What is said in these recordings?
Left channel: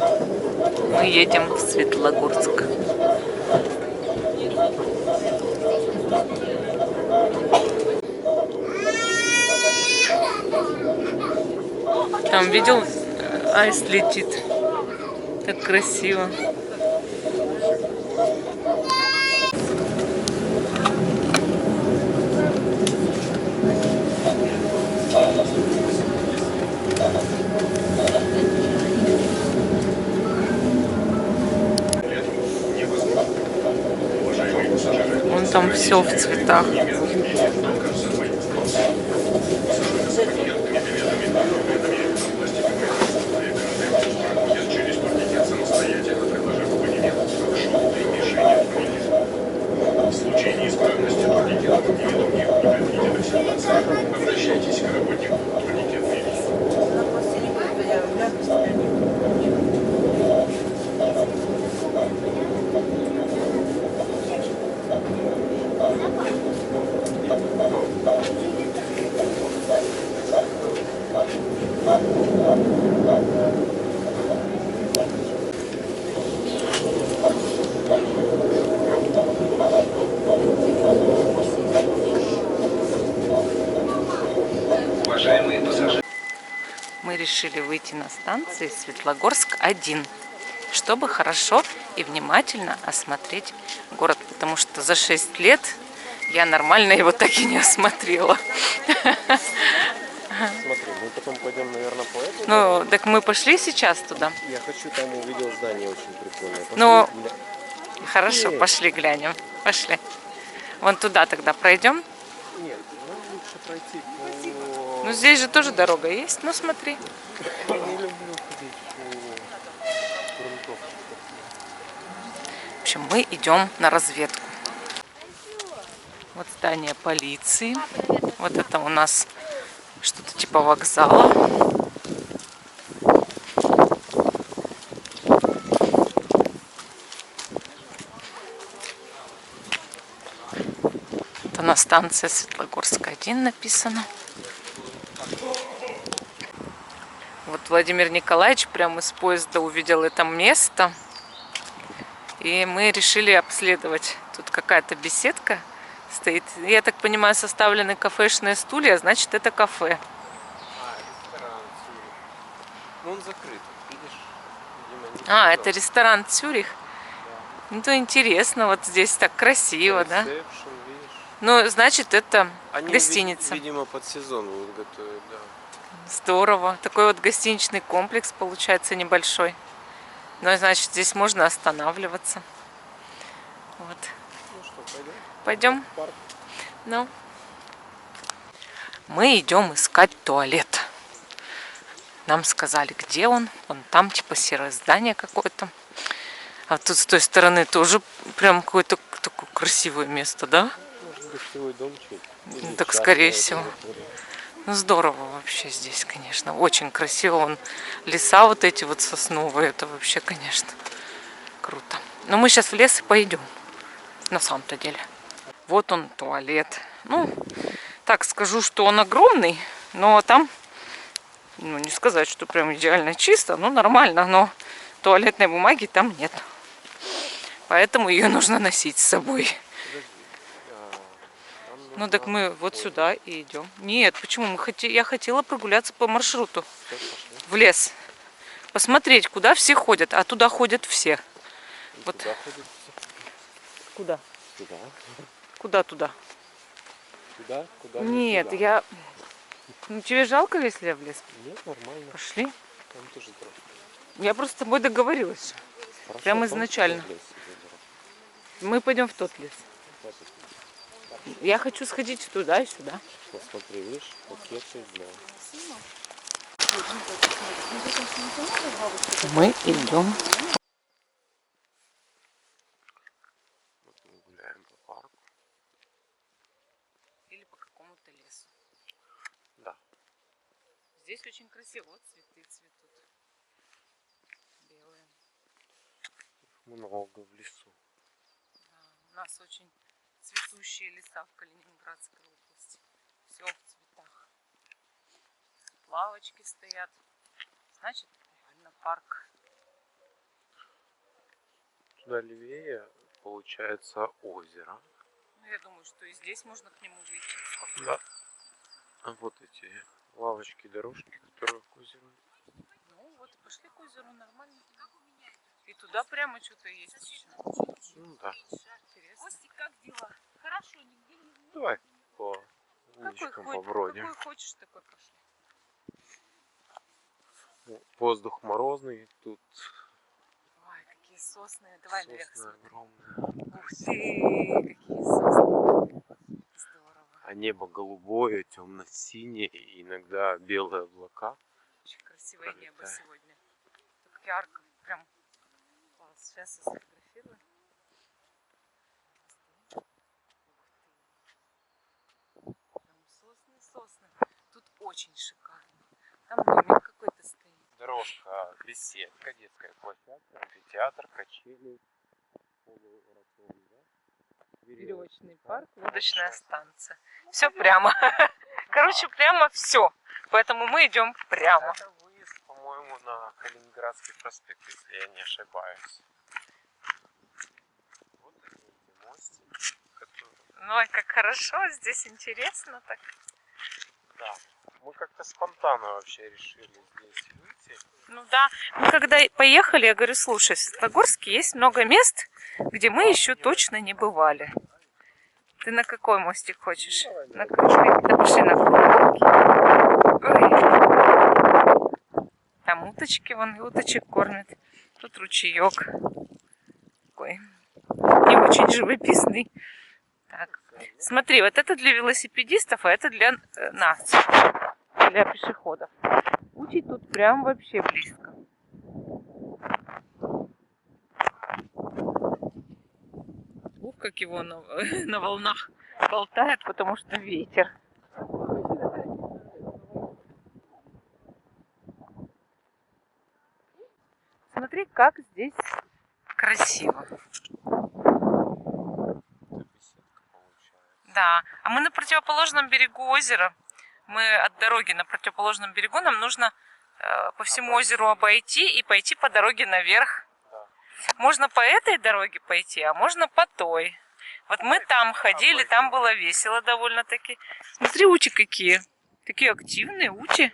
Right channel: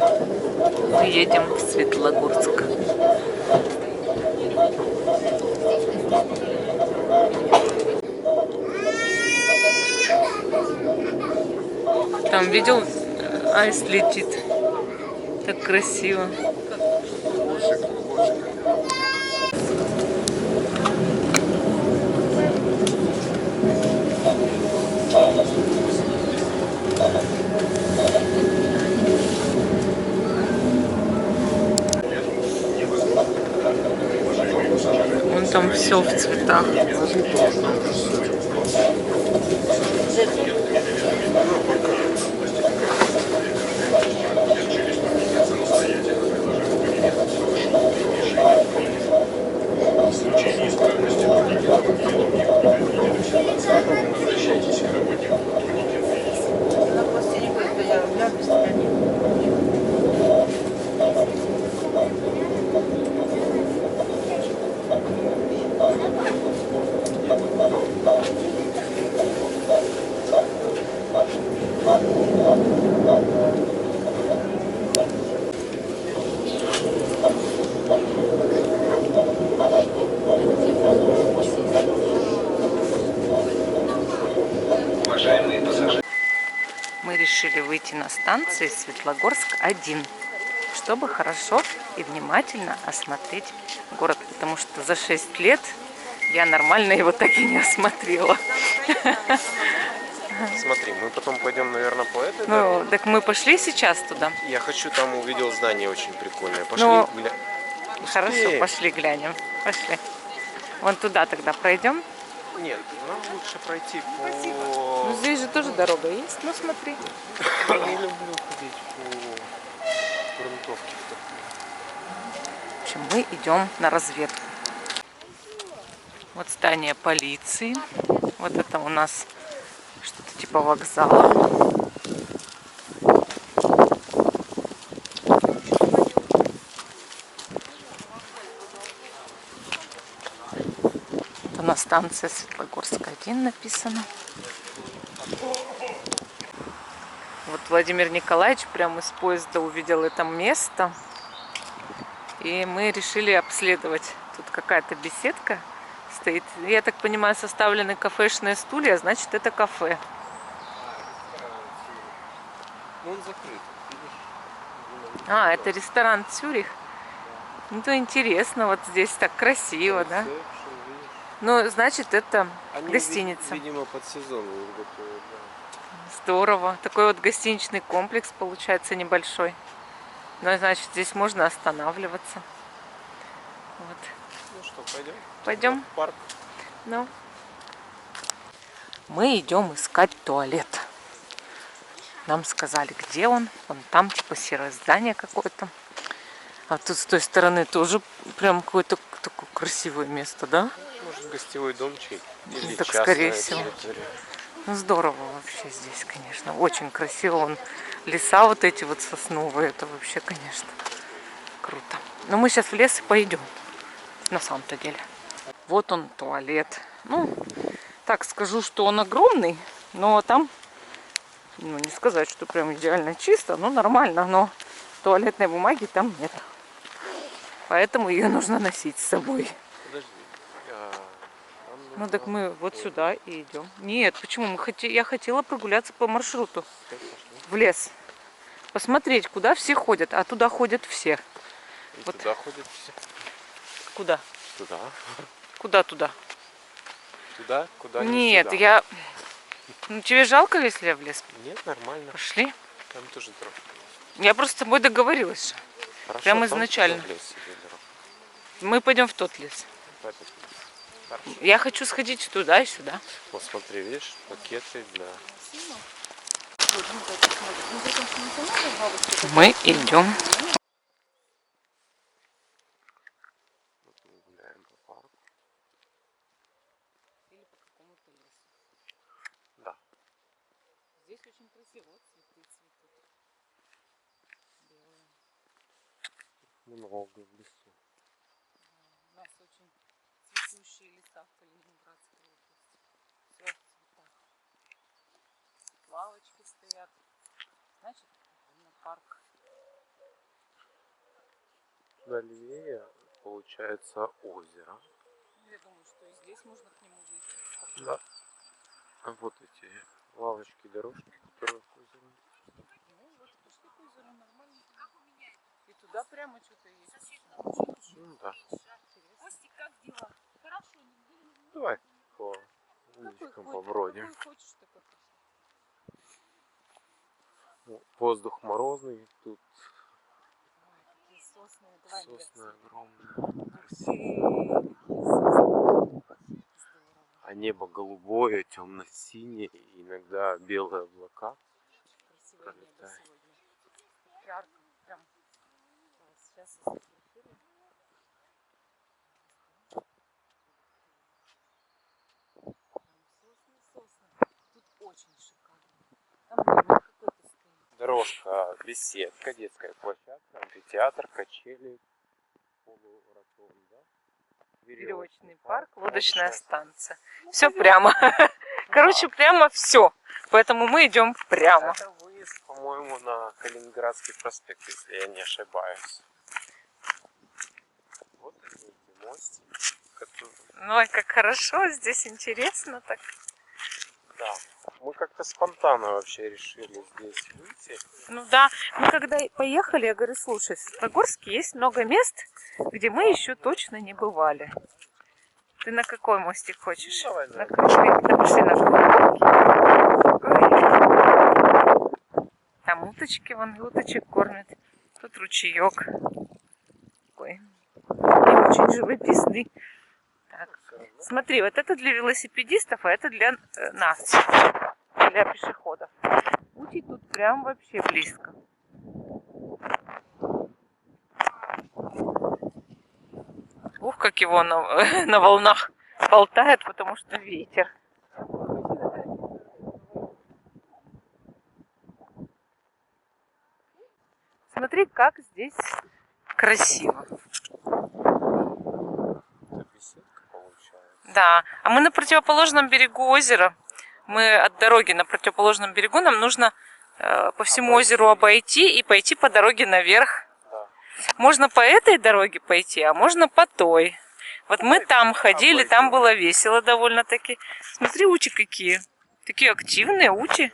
Мы едем в Светлогорск. Там видел, аист летит. Так красиво. Вон там все в цветах. В случае неисправности турникетов или других непредвиденных ситуаций обращайтесь к работнику турникетной Мы решили выйти на станции Светлогорск-1, чтобы хорошо и внимательно осмотреть город, потому что за 6 лет я нормально его так и не осмотрела. Смотри, мы потом пойдем, наверное, по этой Ну, дороге. так мы пошли сейчас туда. Я хочу, там увидел здание очень прикольное. Пошли, Ну, гля... Хорошо, пошли глянем. Пошли. Вон туда тогда пройдем. Нет, нам лучше пройти по... Ну, здесь же тоже дорога есть. Ну, смотри. Я не люблю ходить по грунтовке. В общем, мы идем на разведку. Вот здание полиции. Вот это у нас что-то типа вокзала. Это на станции Светлогорск-1 написано. Вот Владимир Николаевич прямо из поезда увидел это место. И мы решили обследовать. Тут какая-то беседка стоит. Я так понимаю, составлены кафешные стулья, значит, это кафе. Ну, он закрыт, видишь? А, это ресторан «Цюрих». Ну, то интересно, вот здесь так красиво, да? Ну, значит, это Они, гостиница. видимо, под сезон готовят, да. Здорово. Такой вот гостиничный комплекс получается небольшой. Ну, значит, здесь можно останавливаться. Вот. Ну что, пойдем? Пойдем? В парк. Ну. Мы идем искать туалет. Нам сказали, где он. Вон там, типа, серое здание какое-то. А тут с той стороны тоже прям какое-то такое красивое место, да? Может, гостевой домчик? Ну, так, скорее всего. Ну, здорово вообще здесь, конечно. Очень красиво. Вон леса вот эти вот сосновые. Это вообще, конечно, круто. Но мы сейчас в лес и пойдем. На самом-то деле. Вот он, туалет. Ну, так скажу, что он огромный. Но там, ну, не сказать, что прям идеально чисто. Ну, нормально. Но туалетной бумаги там нет. Поэтому ее нужно носить с собой. Ну так мы вот сюда и идем. Нет, почему? Я хотела прогуляться по маршруту в лес. Посмотреть, куда все ходят. А туда ходят все. Вот. Туда ходят все. Куда? Туда. Куда туда? Туда? Куда? Нет, сюда. я... Ну, тебе жалко, если я в лес? Нет, нормально. Пошли. Там тоже дорога. Я просто с тобой договорилась. Хорошо, Прямо изначально. Мы пойдем в тот лес. Я хочу сходить туда и сюда. Вот смотри, видишь, пакеты для... Мы идем. Вот мы гуляем по парку. Или по какому-то лесу. Да. Здесь очень красиво. Вот цветы цветут. Белые. Много в лесу. Да, у нас очень цветущие леса в Калининградской области. Все в цветах. Лавочки стоят. Значит, реально парк. туда левее получается озеро. Я думаю, что и здесь можно к нему выйти. Да. А вот эти лавочки, дорожки, которые к озеру. Ну вот, пошли к озеру, нормально. И туда прямо что-то есть еще. Ну да. Интересно. Костик, как дела? Хорошо, нигде не... Давай по Какой, улочкам хоть, побродим. какой хочешь, такой пошли. Ну, воздух морозный, тут Ой, какие сосны. Давай наверх сосны смотрим. огромные. Ух ты, какие сосны. Здорово. А небо голубое, темно-синее, и иногда белые облака. Очень красивое небо Пролетает. сегодня. Так ярко. Прям класс. Сейчас я сфотографирую. Прям сосны, сосны. Тут очень шикарно. Там домик какой-то стоит. Дорожка, беседка, детская площадка, амфитеатр, качели, полуротонда, Веревочный парк, лодочная лодочная станция. Все прямо. Короче, прямо все. Поэтому мы идем прямо. Это выезд, по-моему, на Калининградский проспект, если я не ошибаюсь. Вот эти мостик, который... Ой, как хорошо, здесь интересно так. Да, мы как-то спонтанно вообще решили здесь выйти. Ну да, мы когда поехали, я говорю, слушай, в Светлогорске есть много мест, где мы еще точно не бывали. Ты на какой мостик хочешь? Давай, На круглый? Да пошли на круглый. Ой. Там уточки, вон и уточек кормят. Тут ручеек. Такой не очень живописный. Так. Смотри, вот это для велосипедистов, а это для нас, для пешеходов. Утий тут прям вообще близко. Ух, как его на волнах болтает, потому что ветер. Смотри, как здесь красиво. Это беседка получается. Да, а мы на противоположном берегу озера. Мы от дороги на противоположном берегу. Нам нужно по всему озеру обойти и пойти по дороге наверх. Да. Можно по этой дороге пойти, а можно по той. Вот мы там ходили, там было весело довольно-таки. Смотри, ути какие. Такие активные ути.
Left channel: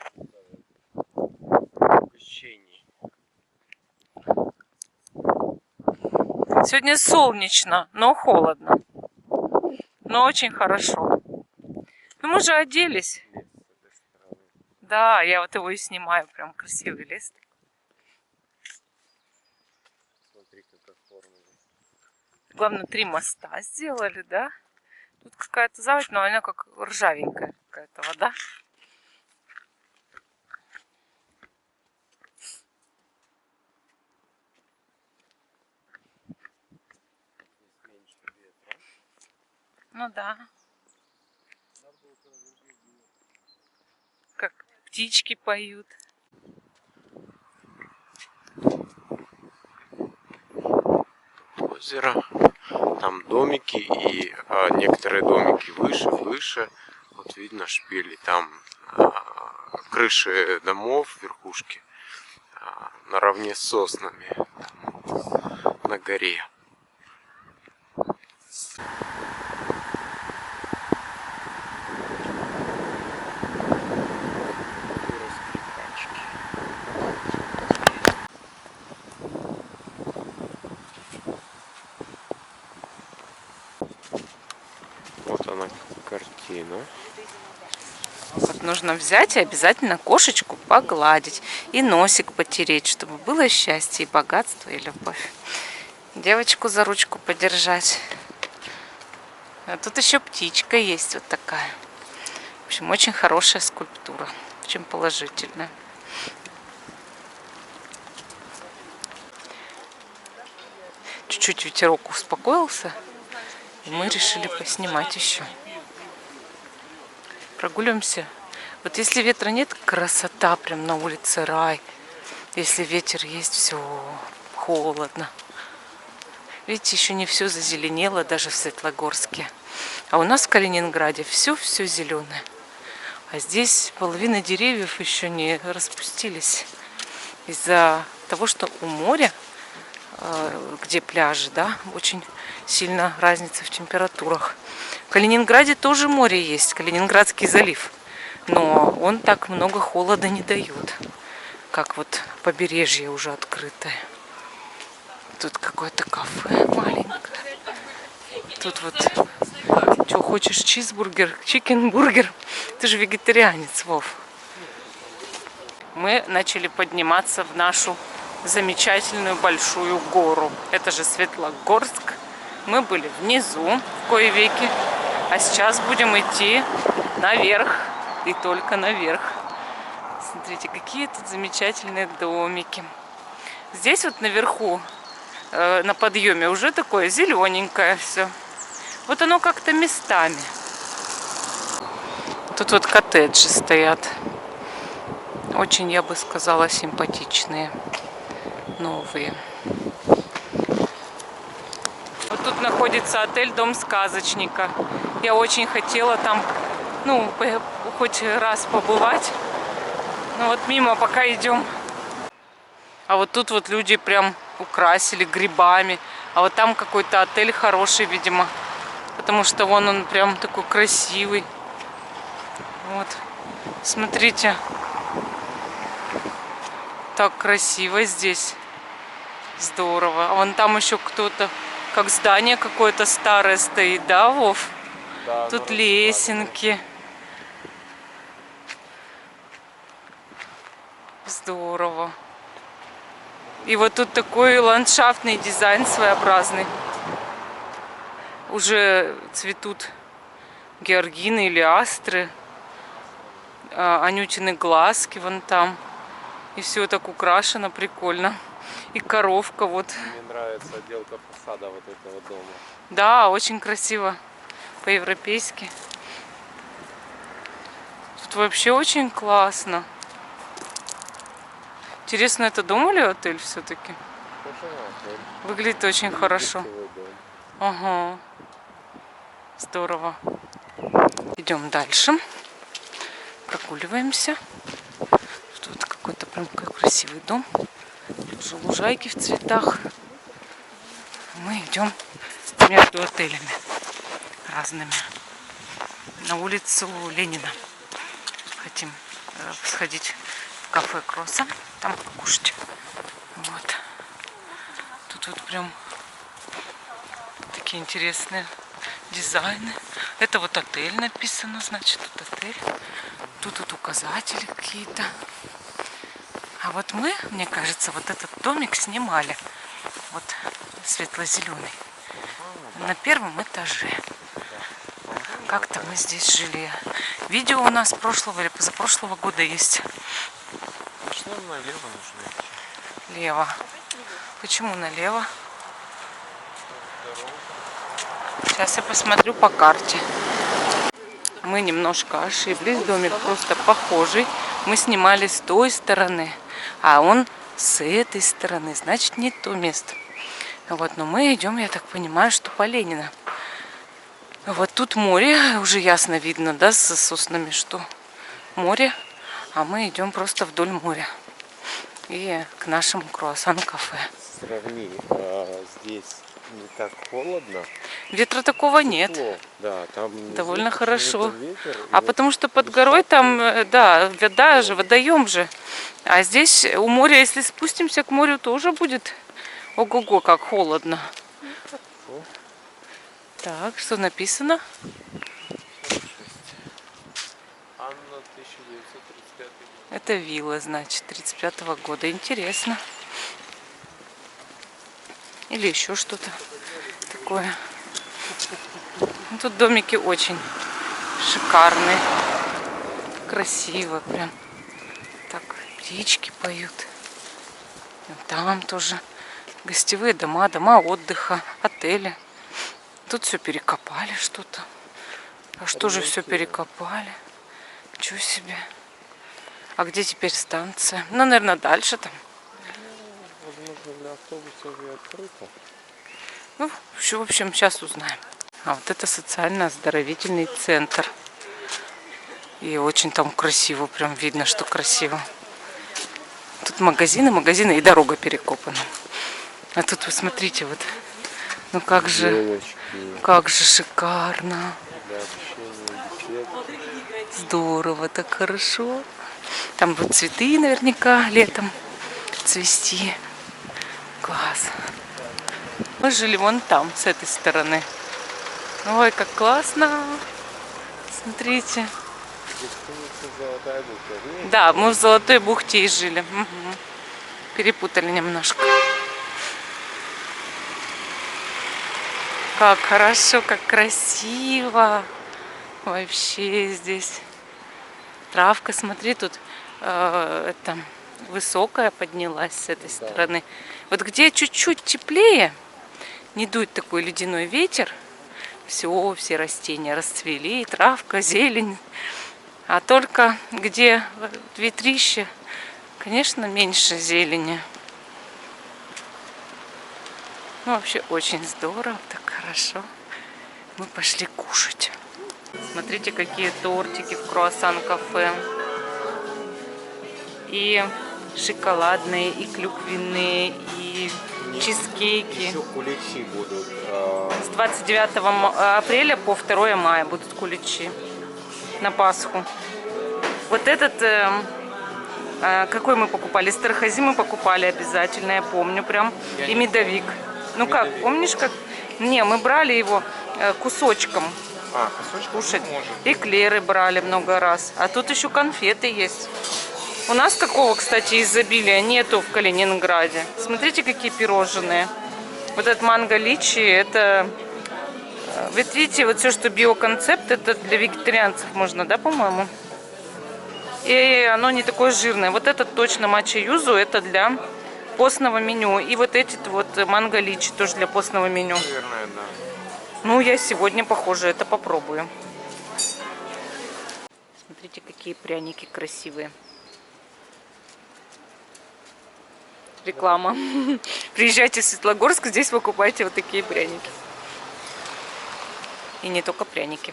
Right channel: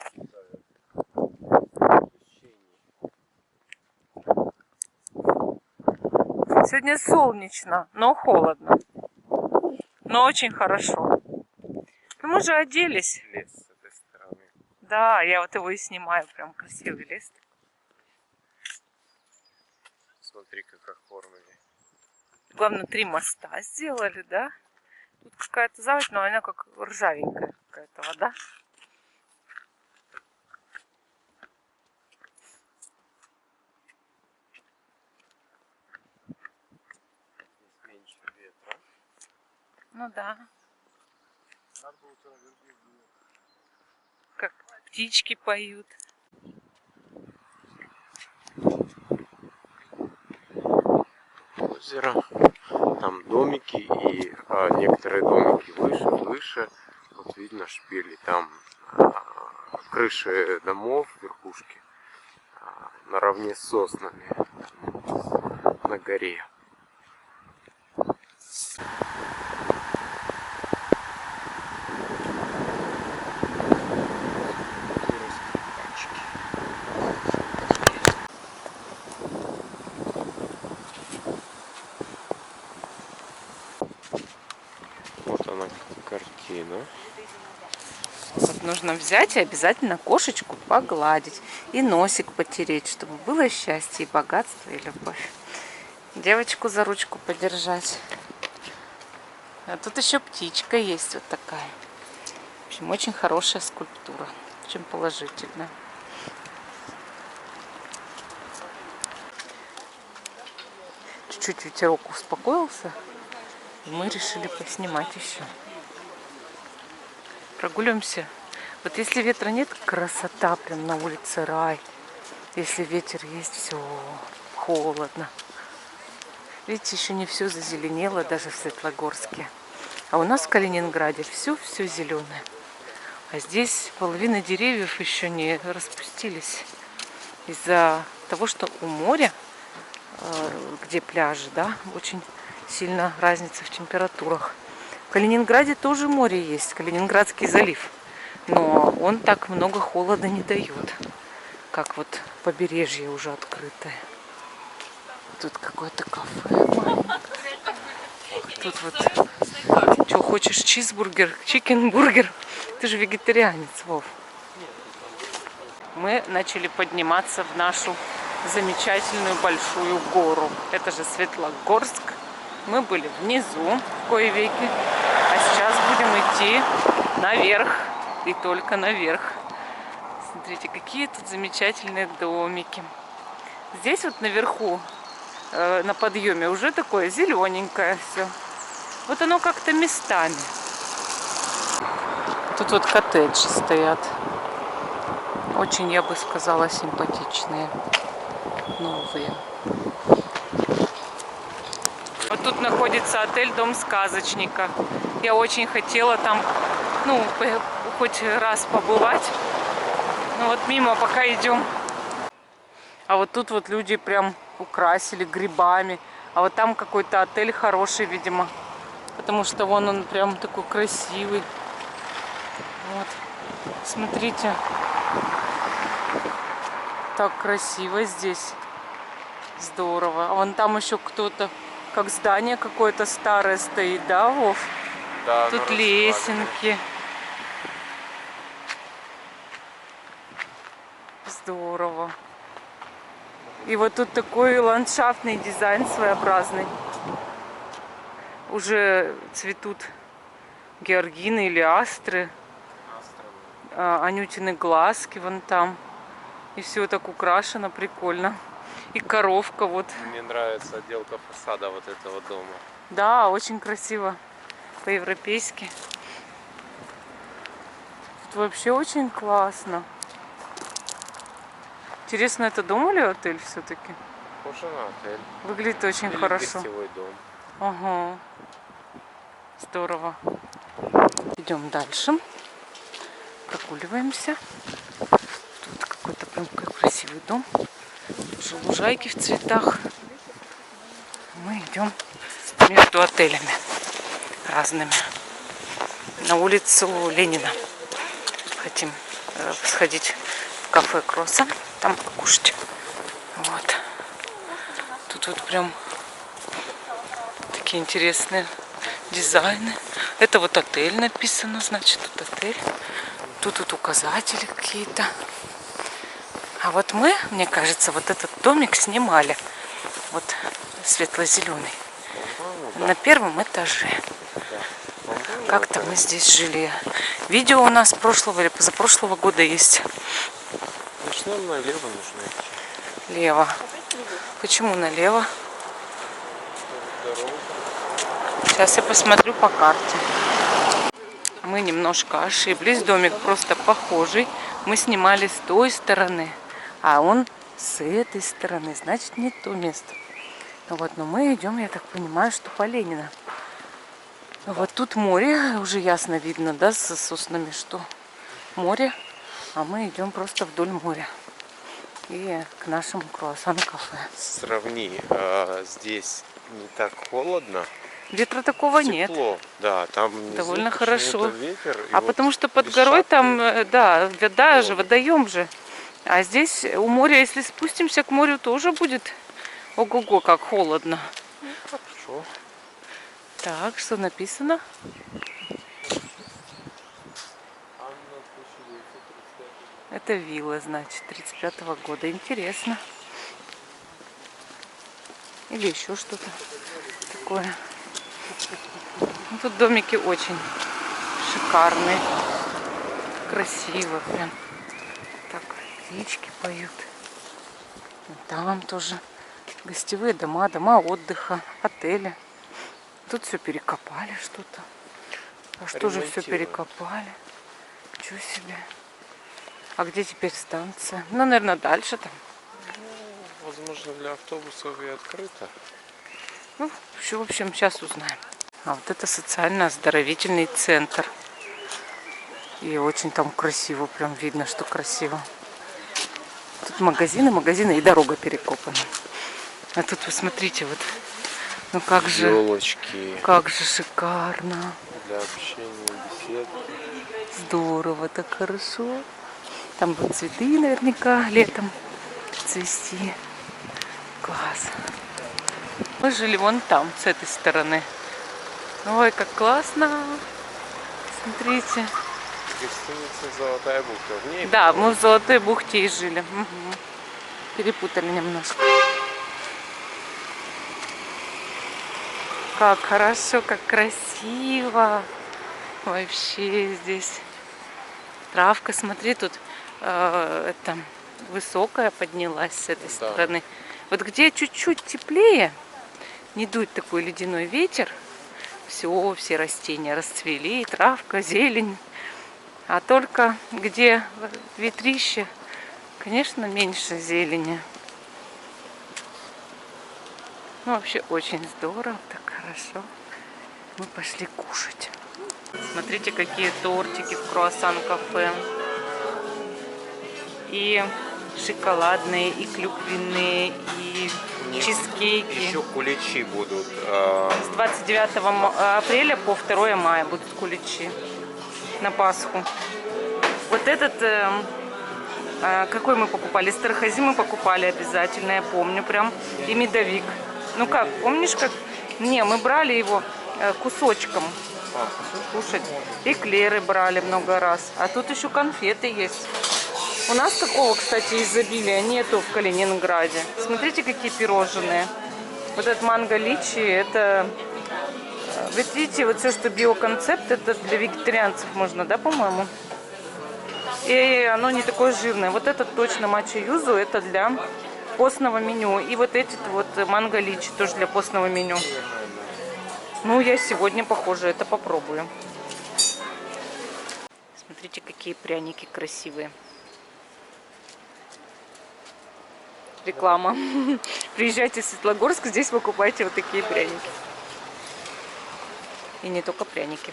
Ощущение. Сегодня солнечно, но холодно. Но очень хорошо. Ну мы же оделись. Лес с этой стороны. Да, я вот его и снимаю. Прям красивый лес. Смотри, как оформили. Главное, 3 моста сделали, да? Тут какая-то заводь, но она как ржавенькая какая-то вода. Здесь меньше ветра. Ну да. Как птички поют. Озеро. Там домики и некоторые домики выше. Вот видно шпили. Там крыши домов, верхушки наравне с соснами там, на горе. Вот она картина. Вот нужно взять и обязательно кошечку погладить. И носик потереть, чтобы было счастье, и богатство, и любовь. Девочку за ручку подержать. А тут еще птичка есть вот такая. В общем, очень хорошая скульптура. Очень положительная. Чуть-чуть ветерок успокоился. И мы решили поснимать еще. Прогуливаемся. Вот если ветра нет, красота, прям на улице рай. Если ветер есть, все холодно. Видите, еще не все зазеленело, даже в Светлогорске. А у нас в Калининграде все зеленое. А здесь половина деревьев еще не распустились. Из-за того, что у моря где пляжи, да, очень сильно разница в температурах. В Калининграде тоже море есть, Калининградский залив, но он так много холода не дает, как вот побережье уже открытое. Тут какое-то кафе маленькое. Тут вот, что хочешь, чизбургер, чикенбургер. Ты же вегетарианец, Вов. Мы начали подниматься в нашу замечательную большую гору. Это же Светлогорск. Мы были внизу в кои веки, а сейчас будем идти наверх и только наверх. Смотрите, какие тут замечательные домики. Здесь вот наверху, на подъеме, уже такое зелененькое все. Вот оно как-то местами. Тут вот коттеджи стоят. Очень, я бы сказала, симпатичные. Новые. Вот тут находится отель «Дом сказочника». Я очень хотела там, ну, хоть раз побывать. Но вот мимо пока идем. А вот тут вот люди прям украсили грибами. А вот там какой-то отель хороший, видимо. Потому что вон он прям такой красивый. Вот. Смотрите. Так красиво здесь. Здорово. А вон там еще кто-то, как здание какое-то старое стоит, да, Вов? Да, Тут лесенки. Здорово. И вот тут такой ландшафтный дизайн своеобразный. Уже цветут георгины или астры. Анютины глазки вон там. И все так украшено, прикольно. И коровка вот. Мне нравится отделка фасада вот этого дома. Да, очень красиво. По-европейски. Тут вообще очень классно. Интересно, это дом или отель все-таки? Похоже на отель. Выглядит очень Или хорошо. гостевой дом. Ага. Здорово. Идем дальше. Прогуливаемся. Тут какой-то прям красивый дом. Тоже лужайки в цветах. Мы идем между отелями разными. На улицу Ленина. Хотим сходить в кафе Кросса. Там покушать. Вот. Тут вот прям такие интересные дизайны. Это вот отель написано, значит, тут отель. Тут вот указатели какие-то. А вот мы, мне кажется, вот этот домик снимали. Вот светло-зеленый. На первом этаже. Как-то мы здесь жили. Видео у нас прошлого или позапрошлого года есть. Значит, нам налево нужно идти. Лево. Почему налево? Сейчас я посмотрю по карте. Мы немножко ошиблись. Домик просто похожий. Мы снимали с той стороны, а он с этой стороны. Значит, не то место. Вот, но мы идем, я так понимаю, что по Ленина. Вот тут море, уже ясно видно, да, с соснами, что море. А мы идем просто вдоль моря. И к нашему круассан-кафе. Сравни, здесь не так холодно. Ветра такого Тепло. нет. Да, там внизу Довольно почему-то хорошо. ветер, и А вот потому что под без горой шапки. там, да, вода же, водоем же. А здесь у моря, если спустимся к морю, тоже будет ого-го, как холодно. Хорошо. Так, что написано? Анна 1935. Это вилла, значит, 35-го года. Интересно. Или еще что-то такое. Ну, тут домики очень шикарные. Красиво прям. Так, птички поют. Там тоже гостевые дома, дома отдыха, отели. Тут все перекопали что-то. А что же все перекопали? Чего себе? А где теперь станция? Ну, наверное, дальше там. Возможно, для автобусов и открыто. Ну, в общем, сейчас узнаем. А вот это социально-оздоровительный центр. И очень там красиво, прям видно, что красиво. Тут магазины и дорога перекопана. А тут вы смотрите, вот, ну как же шикарно. Для общения, беседы. Здорово, так хорошо. Там будут цветы наверняка летом цвести. Класс. Мы жили вон там, с этой стороны. Ой, как классно. Смотрите. Гостиница «Золотая бухта». В ней Да, мы в Золотой бухте и жили. Угу. Перепутали немножко. Как хорошо, как красиво. Вообще здесь. Травка, смотри, тут это высокая поднялась с этой стороны. Вот где чуть-чуть теплее, не дует такой ледяной ветер, все растения расцвели, травка, зелень. А только где ветрище, конечно, меньше зелени. Ну, вообще очень здорово, так хорошо. Мы пошли кушать. Смотрите, какие тортики в круассан-кафе. И шоколадные, и клюквенные, и чизкейки. еще куличи будут. С 29 апреля по 2 мая будут куличи на Пасху. Вот этот, какой мы покупали? Стархази мы покупали обязательно, я помню прям. И медовик. Ну как, помнишь как? Не, мы брали его кусочком кушать. Эклеры брали много раз. А тут еще конфеты есть. У нас такого, кстати, изобилия нету в Калининграде. Смотрите, какие пирожные. Вот этот манго личи, это... Ведь видите, вот все, что биоконцепт, это для вегетарианцев можно, да, по-моему? И оно не такое жирное. Вот этот точно матча юзу, это для постного меню. И вот эти вот манго личи тоже для постного меню. Наверное, да. Ну, я сегодня, похоже, это попробую. Смотрите, какие пряники красивые. Реклама. Приезжайте в Светлогорск, здесь покупайте вот такие пряники. И не только пряники.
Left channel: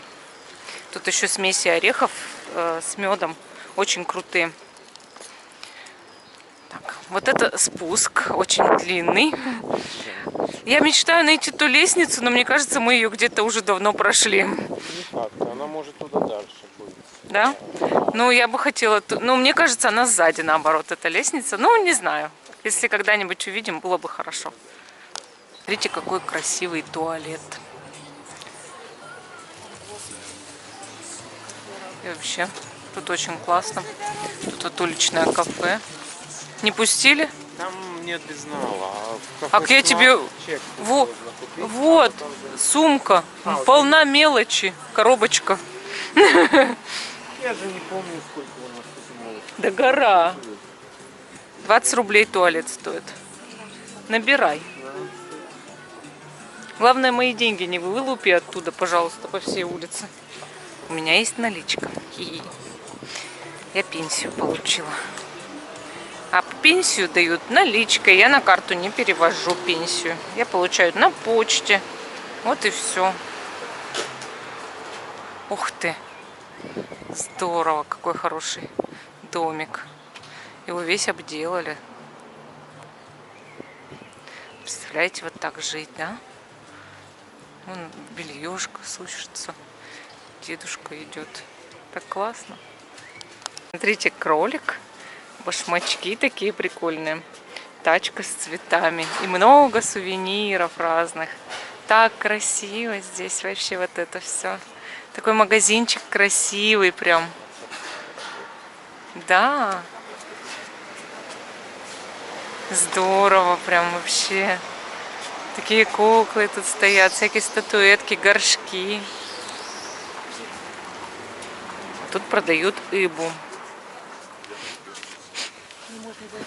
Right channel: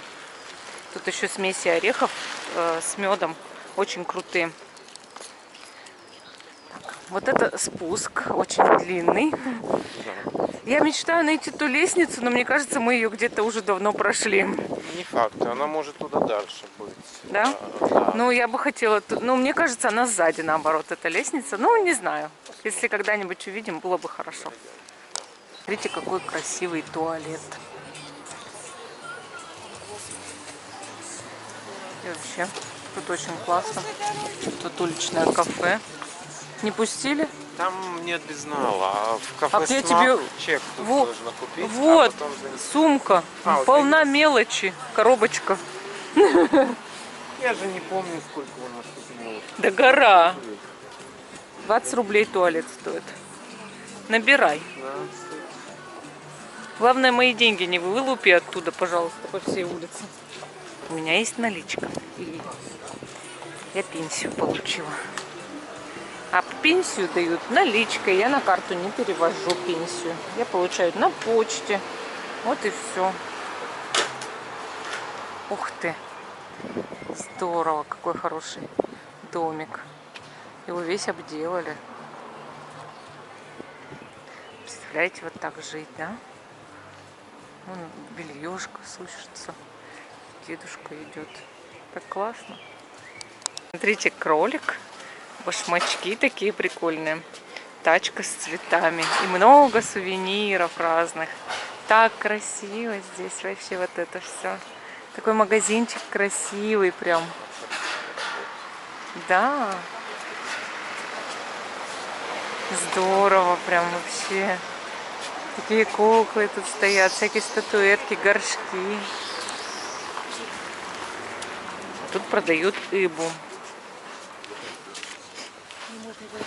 Тут еще смеси орехов с медом. Очень крутые. Так, вот это спуск, очень длинный. Я мечтаю найти ту лестницу, но мне кажется, мы ее где-то уже давно прошли. Не факт, она может туда дальше быть. Да? Да. Ну, я бы хотела... Ну, мне кажется, она сзади, наоборот, эта лестница. Ну, не знаю. Если когда-нибудь увидим, было бы хорошо. Смотрите, какой красивый туалет. И вообще, тут очень классно. Тут вот уличное кафе. Не пустили? Там нет безнала, а в кафе А я «Смак» тебе... чек Вот, нужно купить, вот, а потом за- сумка. вот Полна мелочи. Коробочка. Я же не помню, сколько у нас тут мелочи. Да гора. 20 рублей туалет стоит. Набирай. Главное, мои деньги не вылупи оттуда, пожалуйста, по всей улице. У меня есть наличка. И я пенсию получила. А пенсию дают наличкой. Я на карту не перевожу пенсию. Я получаю на почте. Вот и все. Ух ты. Здорово. Какой хороший домик. Его весь обделали. Представляете, вот так жить, да? Вон бельешка сушится. Дедушка идет. Так классно. Смотрите, кролик. Башмачки такие прикольные. Тачка с цветами. И много сувениров разных. Так красиво здесь вообще вот это все. Такой магазинчик красивый прям. Да. Здорово прям вообще. Такие куклы тут стоят. Всякие статуэтки, горшки. Тут продают рыбу.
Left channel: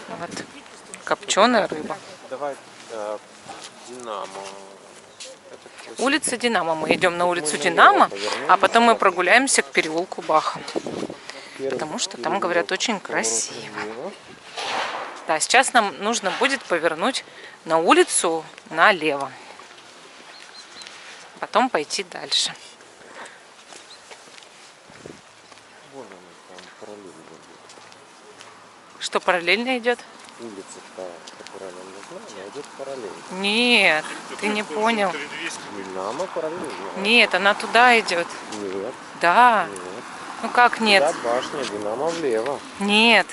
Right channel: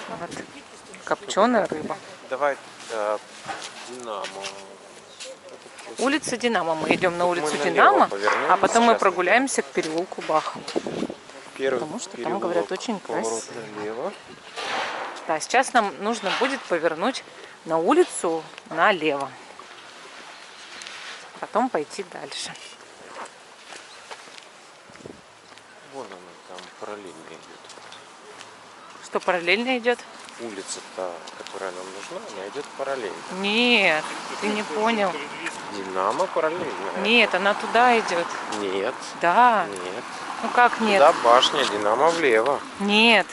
Вот. Копченая рыба. Давай Динамо. Улица Динамо. Мы идем на улицу налево Динамо, повернем а потом мы сейчас. прогуляемся к переулку Баха. Первый Потому что там, переулок, говорят, очень поворот красиво. налево. Да, сейчас нам нужно будет повернуть на улицу налево. Потом пойти дальше. Вон она там параллельно идет. Что параллельно идет? улица-то, которая нам нужна, она идет параллельно. Нет, ты не понял. Динамо параллельно. Нет, она туда идет. Нет, Да. нет. Ну как нет? Туда башня, Динамо влево. Нет.